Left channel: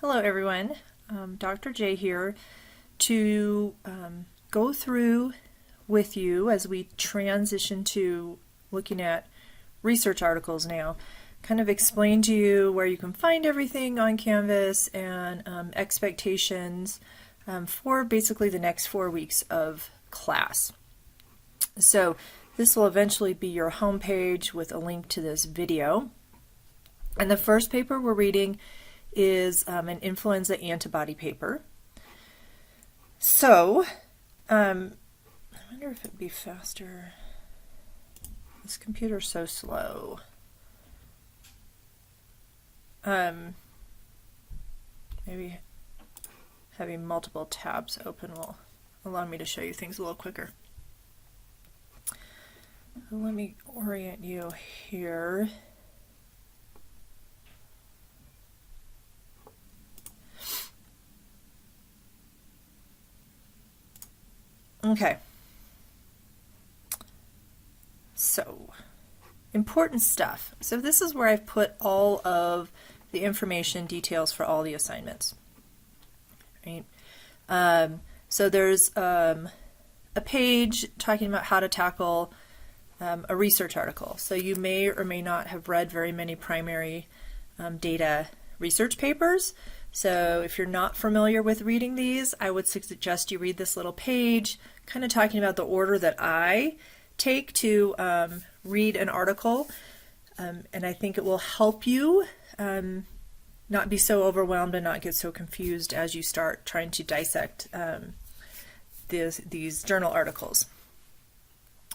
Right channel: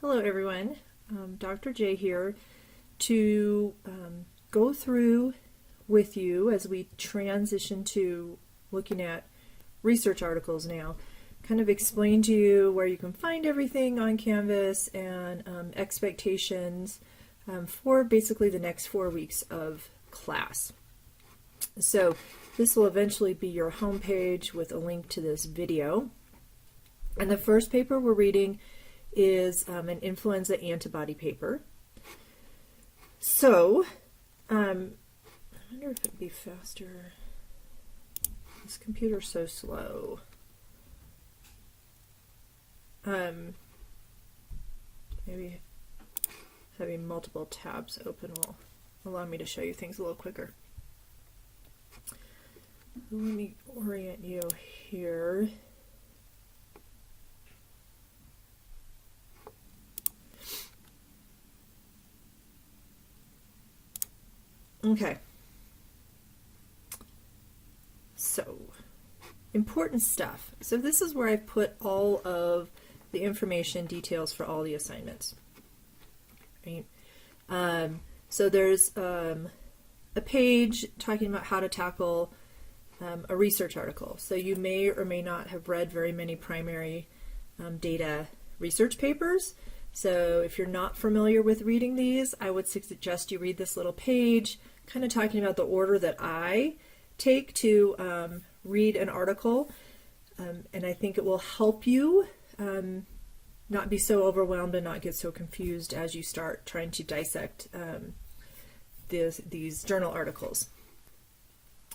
Hello everyone, Dr. J here to go through with you as we transition to looking at research articles now, kind of explain to you where you can find everything on Canvas and expectations for basically the next 4 weeks of class. So this will eventually be your home page with a link to this video. And the first paper we're reading is an influenza antibody paper. So, I wonder if it'd be faster. This computer's so slow. Maybe having multiple tabs open will allow me to show you things a little quicker. Let me orient you here. Okay, so important stuff. So this is where I've put all of the information details for all the assignments. Right? So there's a page talking about how to tackle a research article. So you may or may not have read very many primary data research papers. So if you're not familiar with reading these, I would suggest you read this little page, kind of talking about the order that I take to read an article. And I think it will help you not be so overwhelmed and not get so confused as you start trying to dissect these journal articles.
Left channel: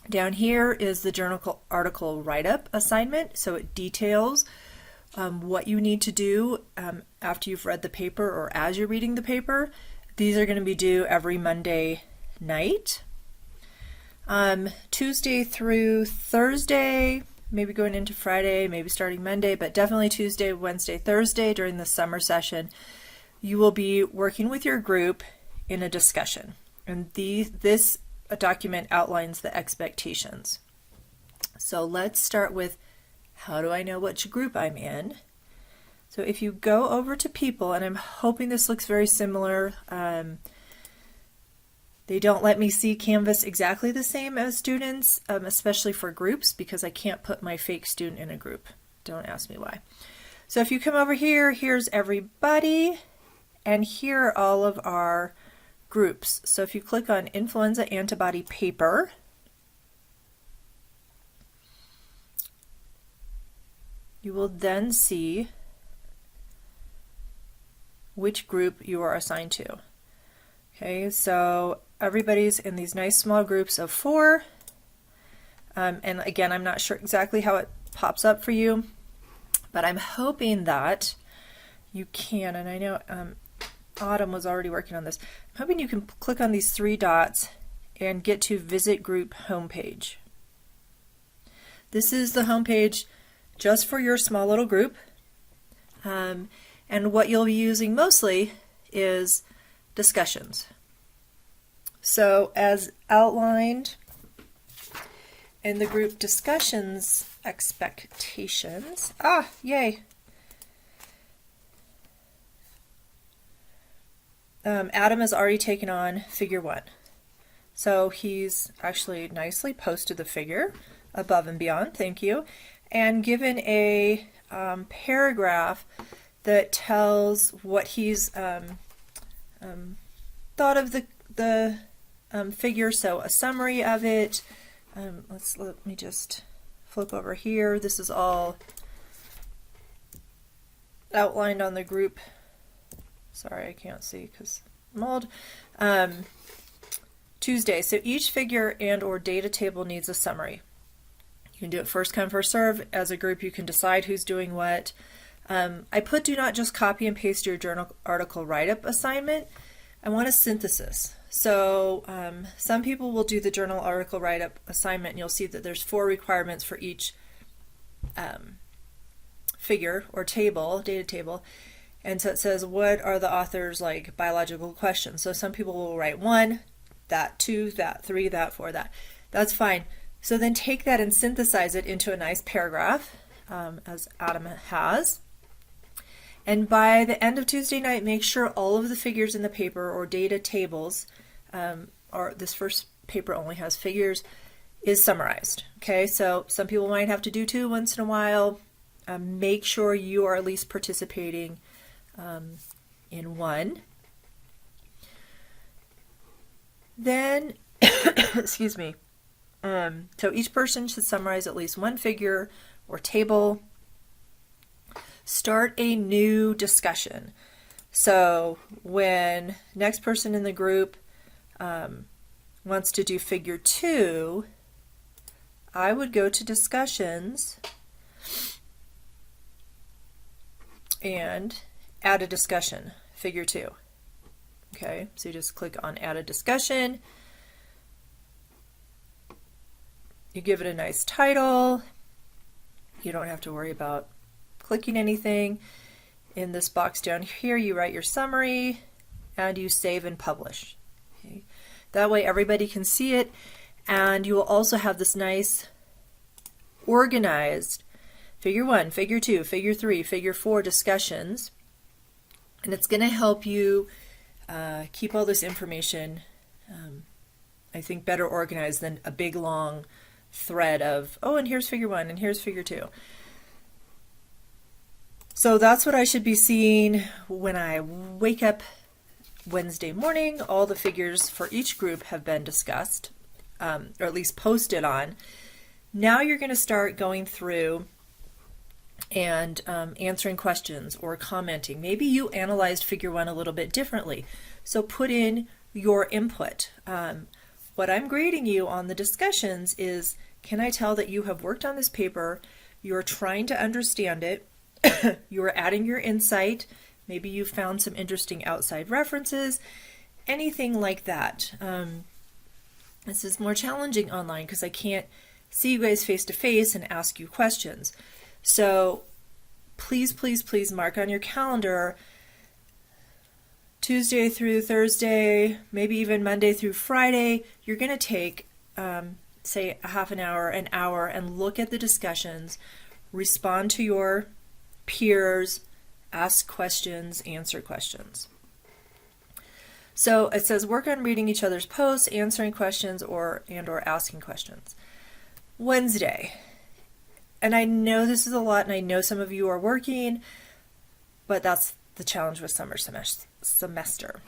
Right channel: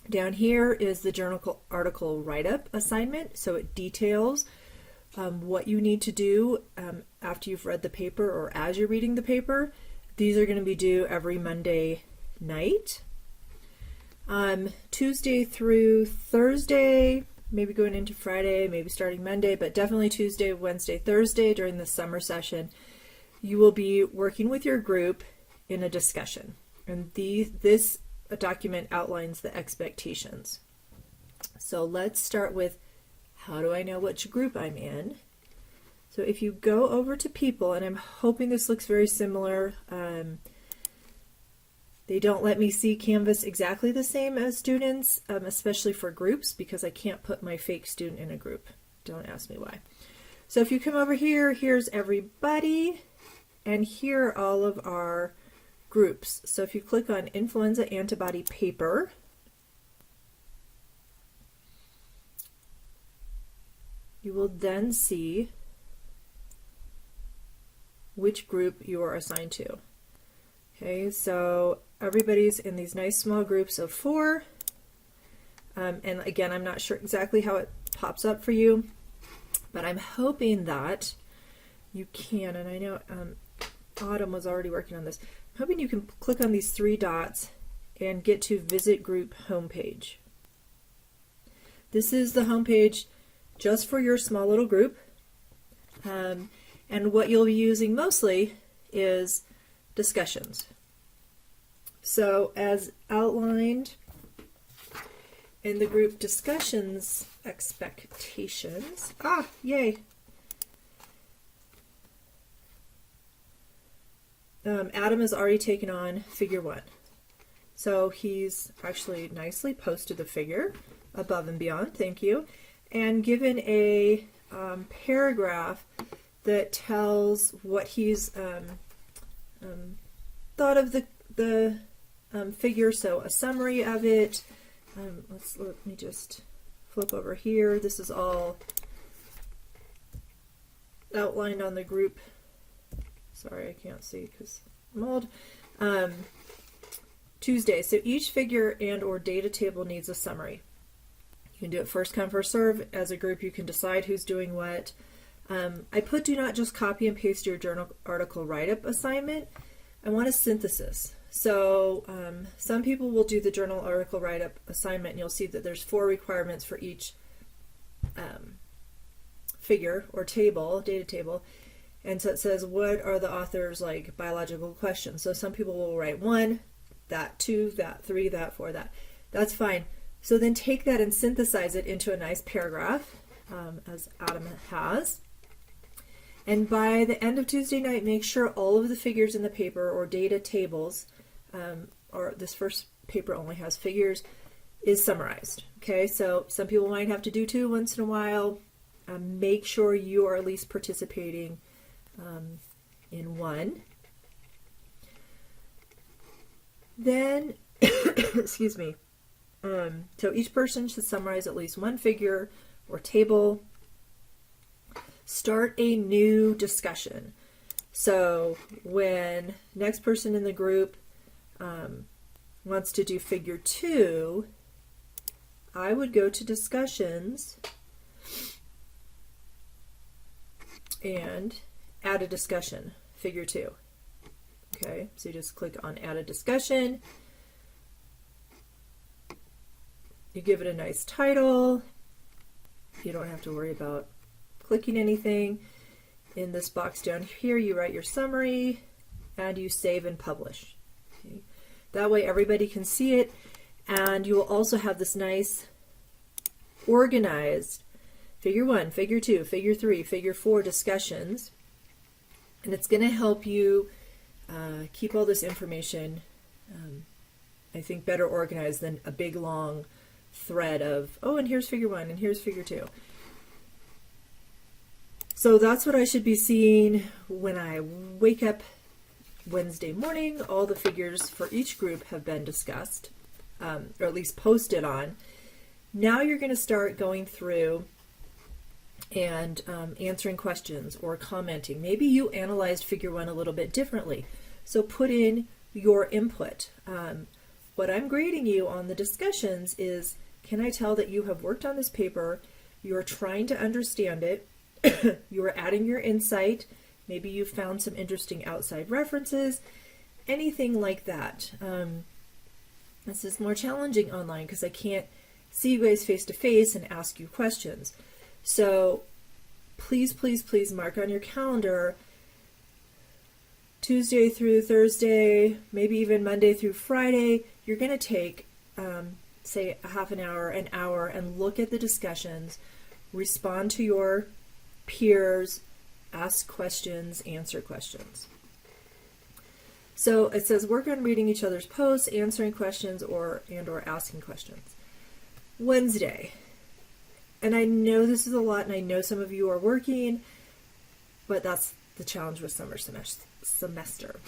Down here is the journal article write-up assignment. So it details what you need to do after you've read the paper or as you're reading the paper. These are going to be due every Monday night. Tuesday through Thursday, maybe going into Friday, maybe starting Monday, but definitely Tuesday, Wednesday, Thursday during the summer session, you will be working with your group in a discussion. And this document outlines the expectations. So let's start with, how do I know which group I'm in? So if you go over to people, and I'm hoping this looks very similar, they don't let me see Canvas exactly the same as students, especially for groups, because I can't put my fake student in a group. Don't ask me why. So if you come over here, here's everybody, and here are all of our groups. So if you click on influenza antibody paper, you will then see which group you are assigned to. Okay, so everybody's in these nice small groups of 4. And again, I'm not sure exactly how it pops up for you, but I'm hoping that you can, and I know Autumn was already working on this, I'm hoping you can click on these 3 dots and get to Visit Group Homepage. This is the homepage just for your small little group. And what you'll be using mostly is discussions. So as outlined in the group discussions expectations, yay! Adam has already taken on figure 1. So he's actually nicely posted the figure above and beyond, thank you, and given a paragraph that tells what he's thought of the figure, so a summary of it. Let me just flip over here. This is all outlined on the group. Sorry, I can't see because I'm old. Tuesday, so each figure and or data table needs a summary. You can do it first come, first serve. As a group, you can decide who's doing what. I put do not just copy and paste your journal article write-up assignment. I want a synthesis. So some people will do the journal article write-up assignment, and you'll see that there's 4 requirements for each figure or table, data table. And so it says, what are the author's like biological questions? So some people will write 1, that 2, that 3, that 4, that. That's fine. So then take that and synthesize it into a nice paragraph, as Adam has. And by the end of Tuesday night, make sure all of the figures in the paper or data tables, or this first paper only has figures, is summarized. Okay, so some people might have to do 2 once in a while. Make sure you are at least participating in 1. Then, excuse me, so each person should summarize at least 1 figure or table. Start a new discussion. So when next person in the group wants to do figure 2, I would go to discussions and add a discussion, figure 2. Okay, so you just click on add a discussion. You give it a nice title. You don't have to worry about clicking anything. In this box down here, you write your summary and you save and publish. Okay. That way everybody can see it, and you will also have this nice organized figure 1, figure 2, figure 3, figure 4 discussions, and it's going to help you keep all this information, I think, better organized than a big long thread of, oh, and here's figure 1 and here's figure 2. So that's what I should be seeing when I wake up Wednesday morning. All the figures for each group have been discussed, or at least posted on. Now you're going to start going through and answering questions or commenting. Maybe you analyzed figure 1 a little bit differently, so put in your input. What I'm grading you on the discussions is, can I tell that you have worked on this paper, you're trying to understand it, you're adding your insight, maybe you found some interesting outside references, anything like that. This is more challenging online because I can't see you guys face to face and ask you questions. So please, please, please mark on your calendar Tuesday through Thursday, maybe even Monday through Friday. You're going to take, say, a half an hour, and look at the discussions, respond to your peers, ask questions, answer questions. So it says work on reading each other's posts, answering questions, or asking questions. Wednesday. And I know this is a lot, and I know some of you are working, but that's the challenge with summer semester.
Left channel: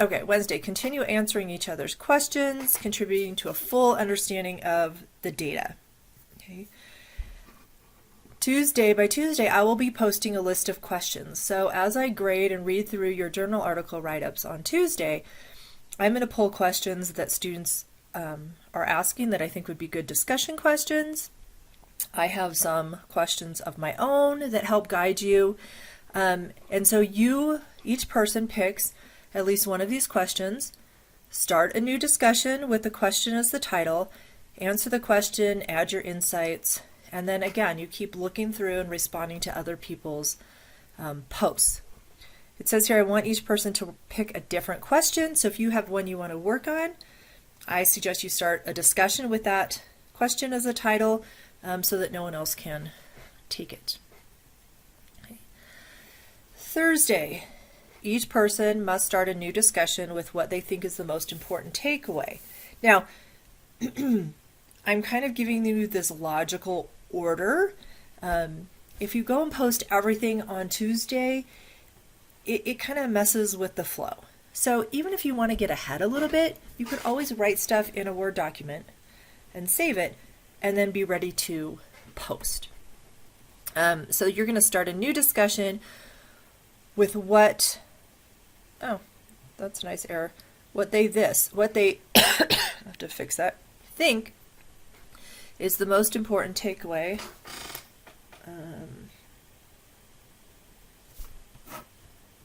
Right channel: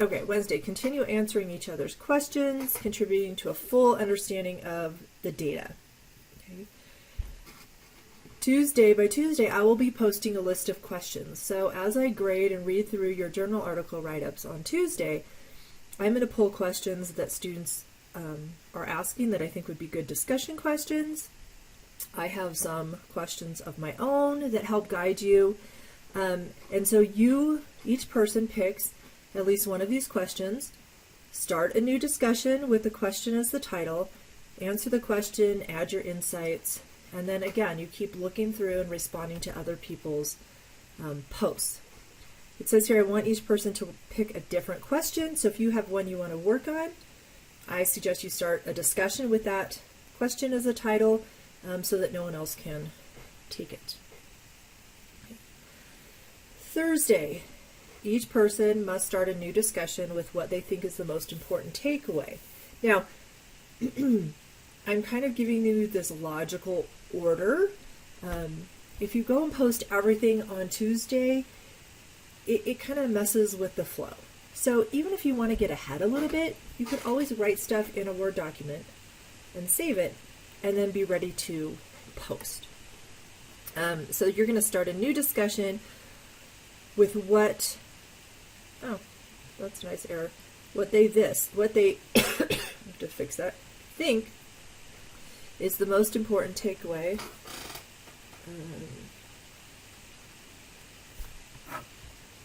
Okay, Wednesday, continue answering each other's questions, contributing to a full understanding of the data. Okay. By Tuesday, I will be posting a list of questions. So as I grade and read through your journal article write-ups on Tuesday, I'm going to pull questions that students are asking that I think would be good discussion questions. I have some questions of my own that help guide you. And so each person picks at least one of these questions, start a new discussion with the question as the title, answer the question, add your insights, and then again, you keep looking through and responding to other people's posts. It says here, I want each person to pick a different question. So if you have one you want to work on, I suggest you start a discussion with that question as a title, so that no one else can take it. Okay. Thursday, each person must start a new discussion with what they think is the most important takeaway. Now, I'm kind of giving you this logical order. If you go and post everything on Tuesday, it kind of messes with the flow. So even if you want to get ahead a little bit, you could always write stuff in a Word document and save it, and then be ready to post. So you're going to start a new discussion with what, oh, that's a nice error, what they I have to fix that, think is the most important takeaway.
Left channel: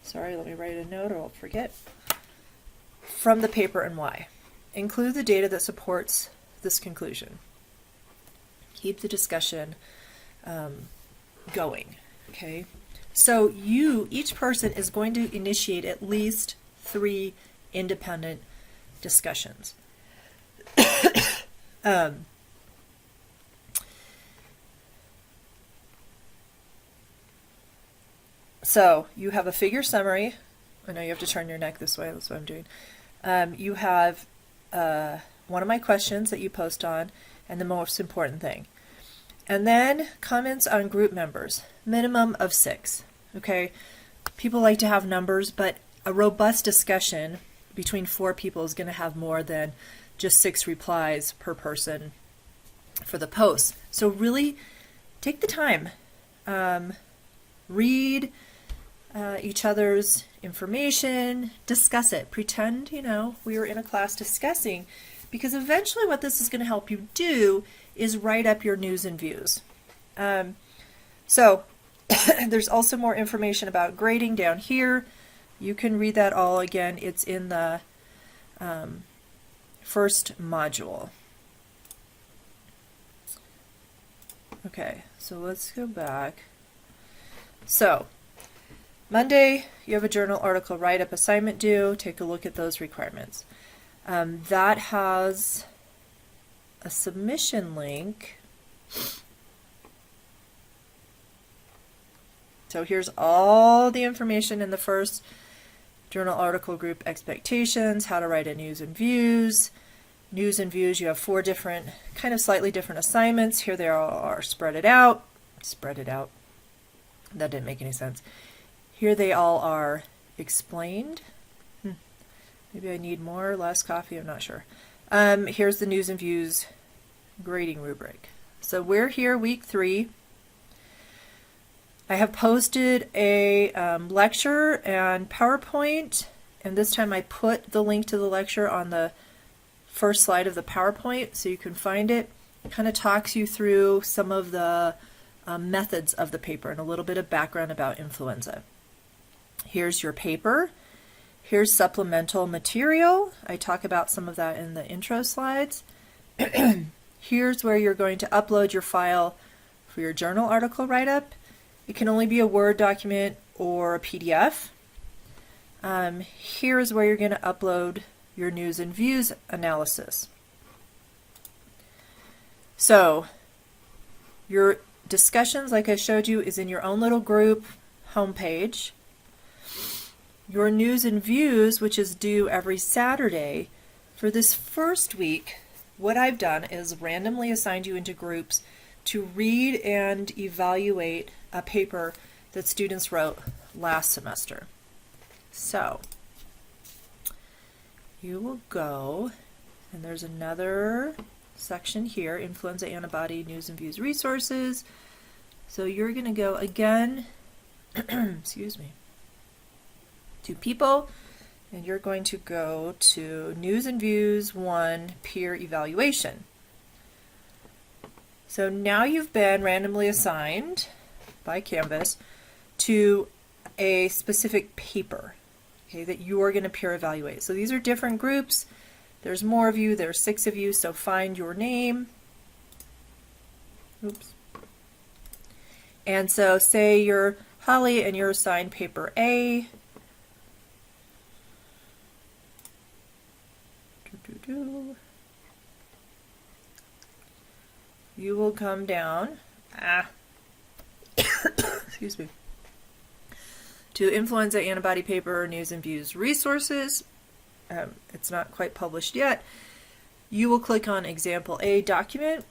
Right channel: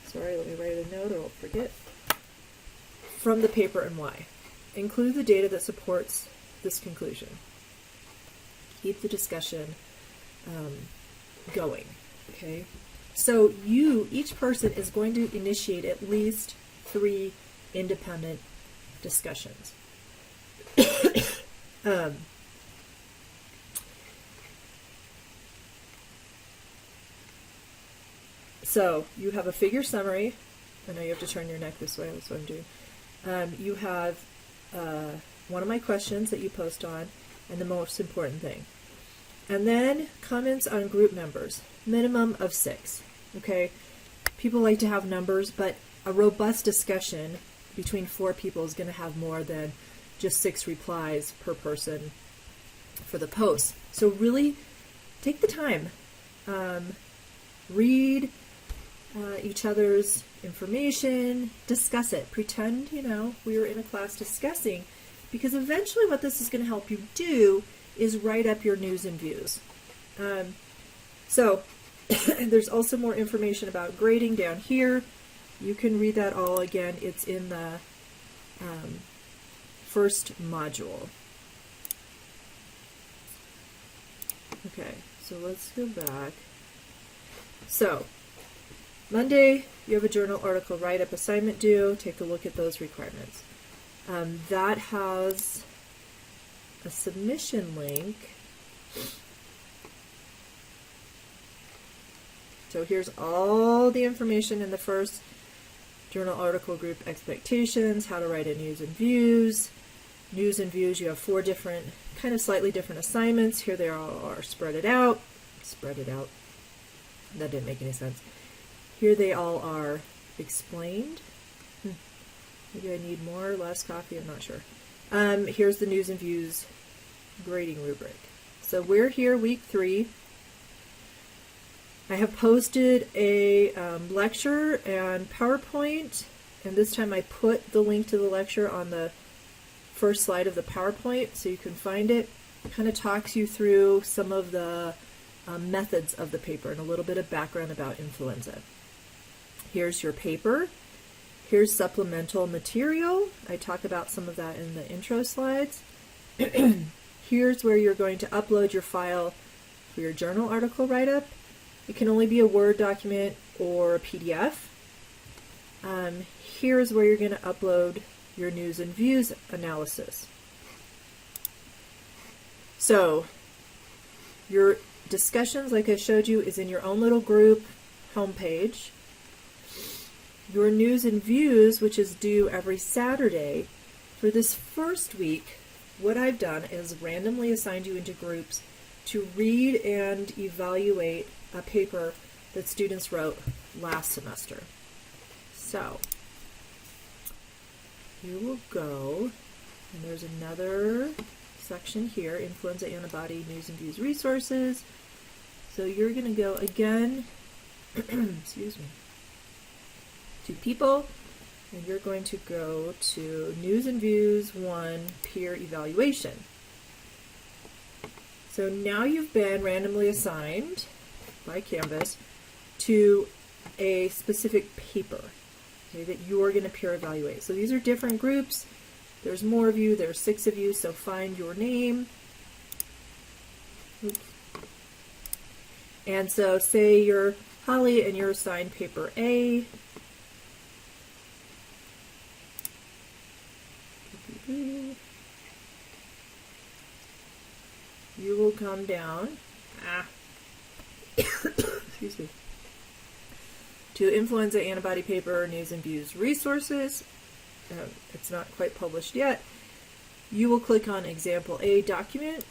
Sorry, let me write a note or I'll forget. From the paper and why. Include the data that supports this conclusion. Keep the discussion going, okay? So each person is going to initiate at least 3 independent discussions. So you have a figure summary. I know you have to turn your neck this way, that's what I'm doing. You have one of my questions that you post on, and the most important thing. And then comments on group members, minimum of 6. Okay, people like to have numbers, but a robust discussion between 4 people is going to have more than just 6 replies per person for the post. So really take the time, read each other's information, discuss it, pretend, we were in a class discussing, because eventually what this is going to help you do is write up your news and views. So there's also more information about grading down here. You can read that all again. It's in the first module. Okay, so let's go back. So Monday, you have a journal article write-up assignment due. Take a look at those requirements. That has a submission link. So here's all the information in the first journal article group: expectations, how to write a news and views. News and views, you have 4 different, kind of slightly different assignments. Here they are spread it out. Spread it out. That didn't make any sense. Here they all are explained. Maybe I need more or less coffee, I'm not sure. Here's the news and views grading rubric. So we're here week 3. I have posted a lecture and PowerPoint, and this time I put the link to the lecture on the first slide of the PowerPoint so you can find it. It kind of talks you through some of the methods of the paper and a little bit of background about influenza. Here's your paper. Here's supplemental material. I talk about some of that in the intro slides. Here's where you're going to upload your file for your journal article write-up. It can only be a Word document or a PDF. Here's where you're going to upload your news and views analysis. So your discussions, like I showed you, is in your own little group homepage. Your news and views, which is due every Saturday, for this first week, what I've done is randomly assigned you into groups to read and evaluate a paper that students wrote last semester. So you will go, and there's another section here, influenza antibody news and views resources. So you're going to go again, excuse me, to people, and you're going to go to news and views 1 peer evaluation. So now you've been randomly assigned by Canvas to a specific paper, okay, that you're going to peer evaluate. So these are different groups. There's more of you. There's 6 of you. So find your name. Oops. And so say you're Holly and you're assigned paper A. You will come down. Excuse me. To influenza antibody paper, news and views resources. It's not quite published yet. You will click on example A document,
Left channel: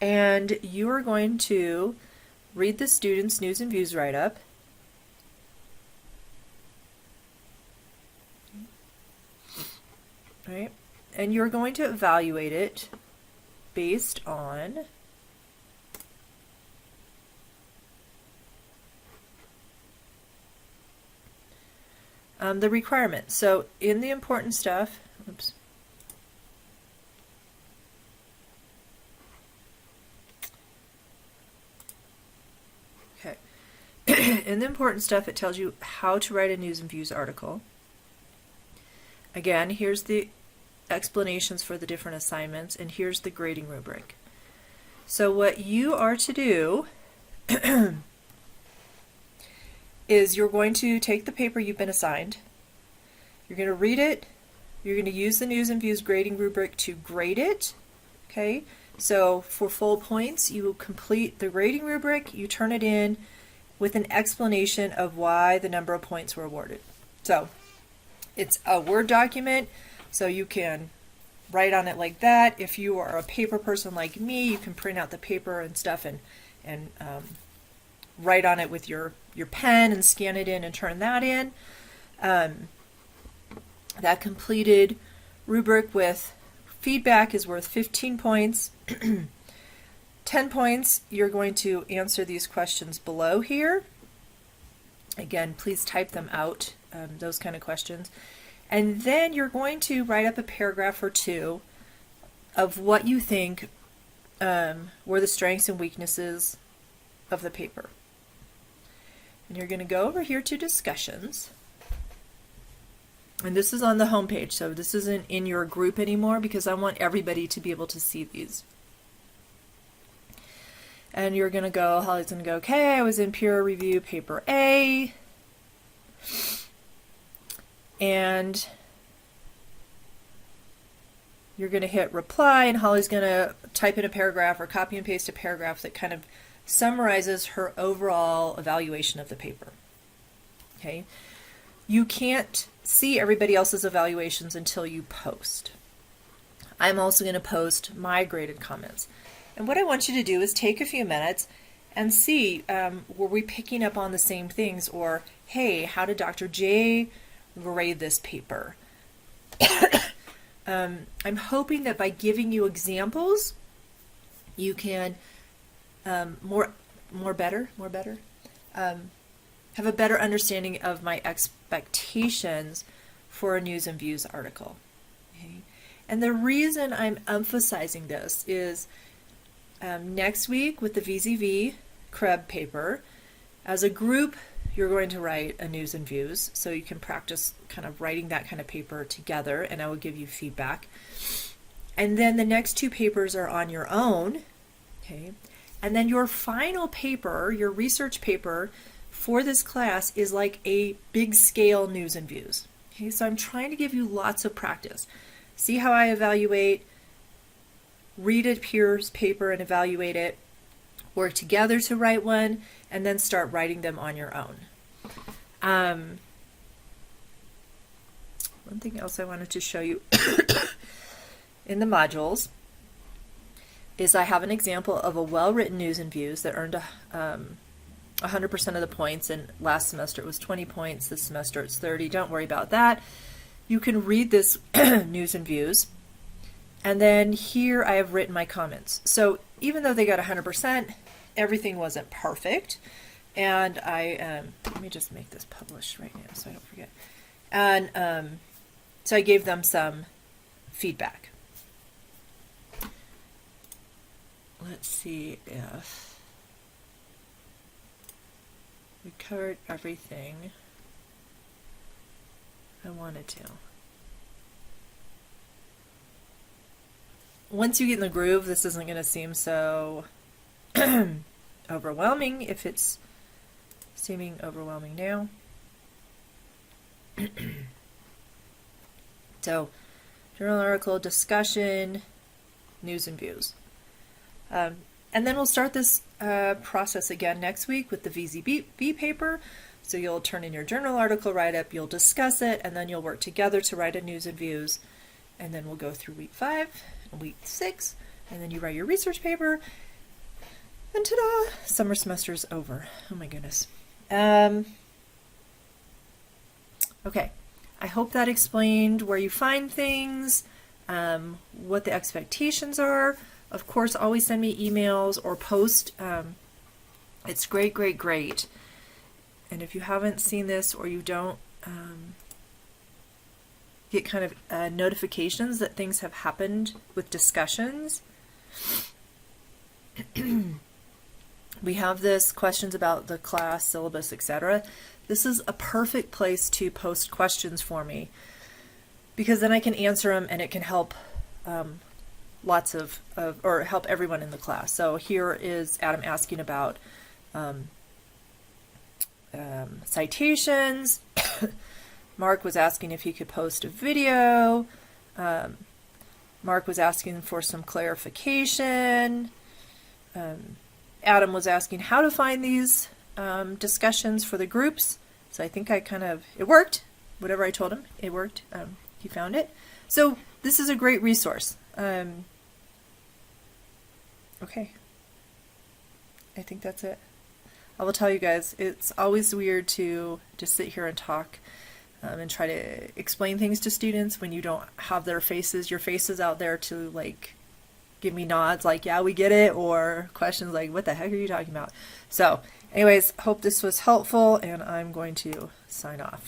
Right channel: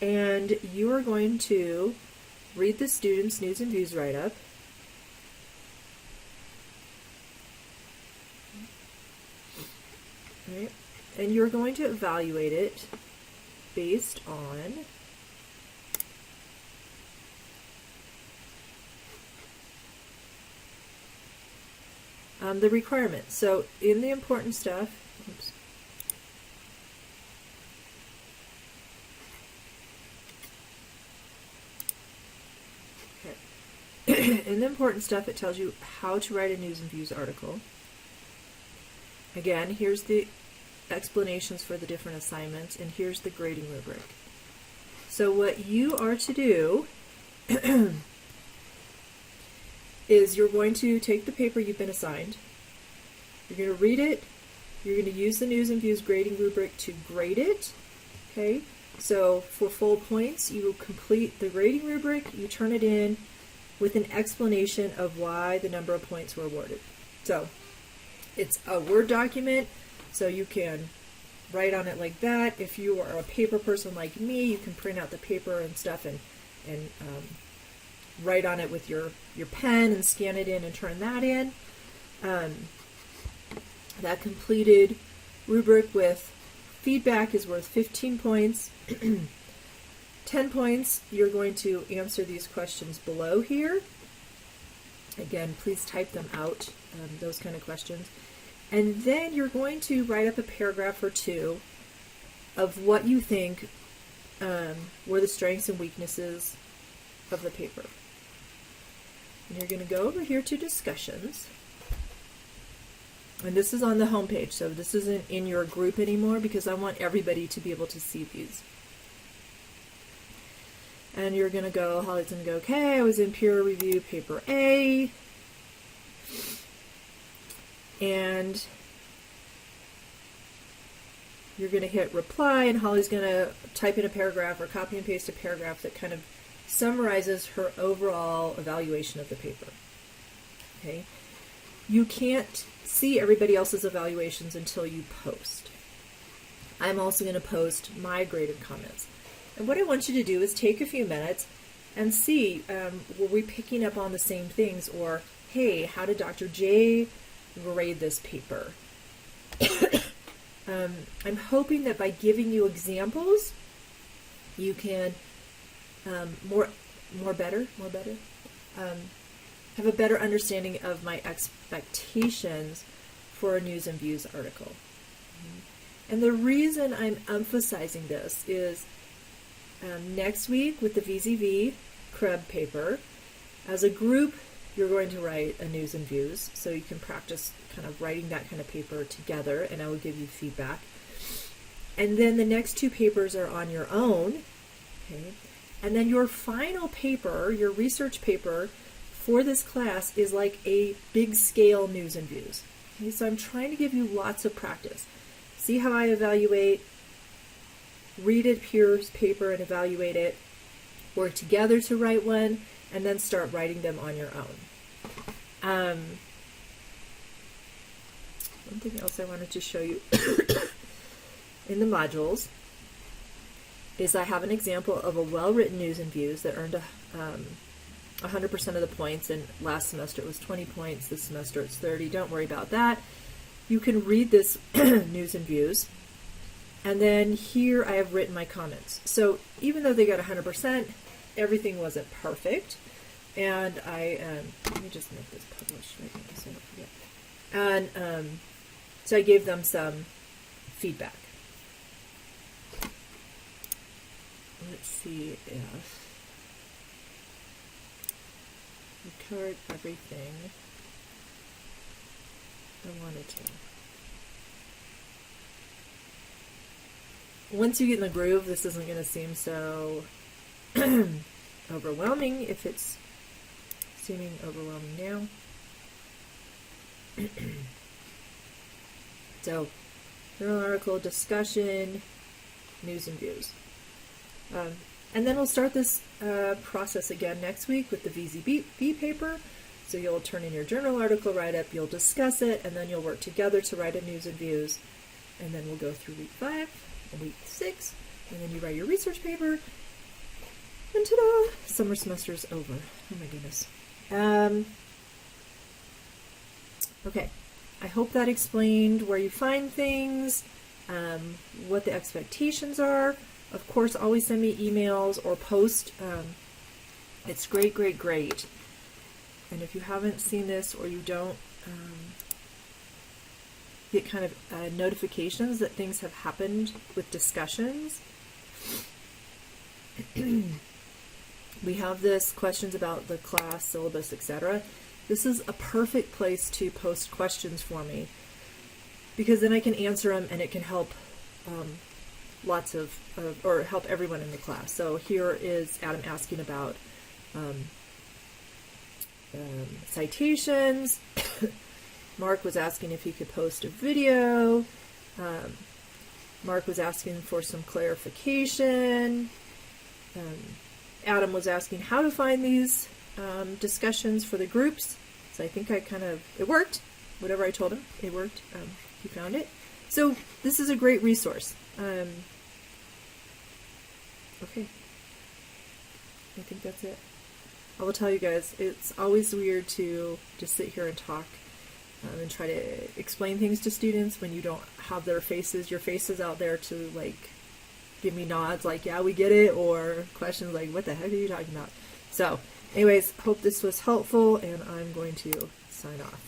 and you are going to read the student's news and views write-up. Right? And you're going to evaluate it based on the requirements. So in the important stuff, oops, okay. In the important stuff, it tells you how to write a news and views article. Again, here's the explanations for the different assignments, and here's the grading rubric. So what you are to do is you're going to take the paper you've been assigned, you're going to read it, you're going to use the news and views grading rubric to grade it, okay? So for full points, you will complete the grading rubric, you turn it in, with an explanation of why the number of points were awarded. So it's a Word document, so you can write on it like that. If you are a paper person like me, you can print out the paper and stuff and write on it with your pen and scan it in and turn that in. That completed rubric with feedback is worth 15 points. 10 points, you're going to answer these questions below here. Again, please type them out, those kind of questions. And then you're going to write up a paragraph or two of what you think were the strengths and weaknesses of the paper. And you're going to go over here to discussions. And this is on the home page, so this isn't in your group anymore because I want everybody to be able to see these. And you're going to go, Holly's going to go, okay, I was in peer review paper A. And you're going to hit reply, and Holly's going to type in a paragraph or copy and paste a paragraph that kind of summarizes her overall evaluation of the paper. Okay? You can't see everybody else's evaluations until you post. I'm also going to post my graded comments. And what I want you to do is take a few minutes and see, were we picking up on the same things? Or, hey, how did Dr. J grade this paper? I'm hoping that by giving you examples, you can have a better understanding of my expectations for a News and Views article. Okay? And the reason I'm emphasizing this is next week with the VZV CREB paper, as a group, you're going to write a News and Views, so you can practice kind of writing that kind of paper together, and I will give you feedback. And then the next two papers are on your own, okay? And then your final paper, your research paper for this class is like a big scale News and Views. Okay, so I'm trying to give you lots of practice. See how I evaluate, read a peer's paper and evaluate it, work together to write one, and then start writing them on your own. One thing else I wanted to show you in the modules is I have an example of a well-written News and Views that earned 100% of the points, and last semester it was 20 points, this semester it's 30. Don't worry about that. You can read this News and Views, and then here I have written my comments. So even though they got 100%, everything wasn't perfect, and let me just make this published right now so I don't forget. And so I gave them some feedback. Let's see if we covered everything I wanted to. Once you get in the groove, this isn't going to seem so overwhelming if it's seeming overwhelming now. So, journal article, discussion, News and Views. And then we'll start this process again next week with the VZB paper. So you'll turn in your journal article write-up, you'll discuss it, and then you'll work together to write a News and Views. And then we'll go through week 5 and week 6, and then you write your research paper. And ta-da! Summer semester's over. Oh my goodness. Okay. I hope that explained where you find things, what the expectations are. Of course, always send me emails or post. It's great, great, great. And if you haven't seen this or you don't get kind of notifications that things have happened with discussions, we have this questions about the class syllabus, etc. This is a perfect place to post questions for me, because then I can answer them and it can help or help everyone in the class. So here is Adam asking about citations. Mark was asking if he could post a video. Mark was asking for some clarification. Adam was asking how to find these discussions for the groups. So I think it worked. Whatever I told him, it worked. He found it. So this is a great resource. Okay. I think that's it. I will tell you guys, it's always weird to just sit here and talk and try to explain things to students when you don't have your faces out there to like give me nods like, yeah, we get it, or questions like, what the heck are you talking about? So anyways, hope this was helpful, and I'm going to sign off.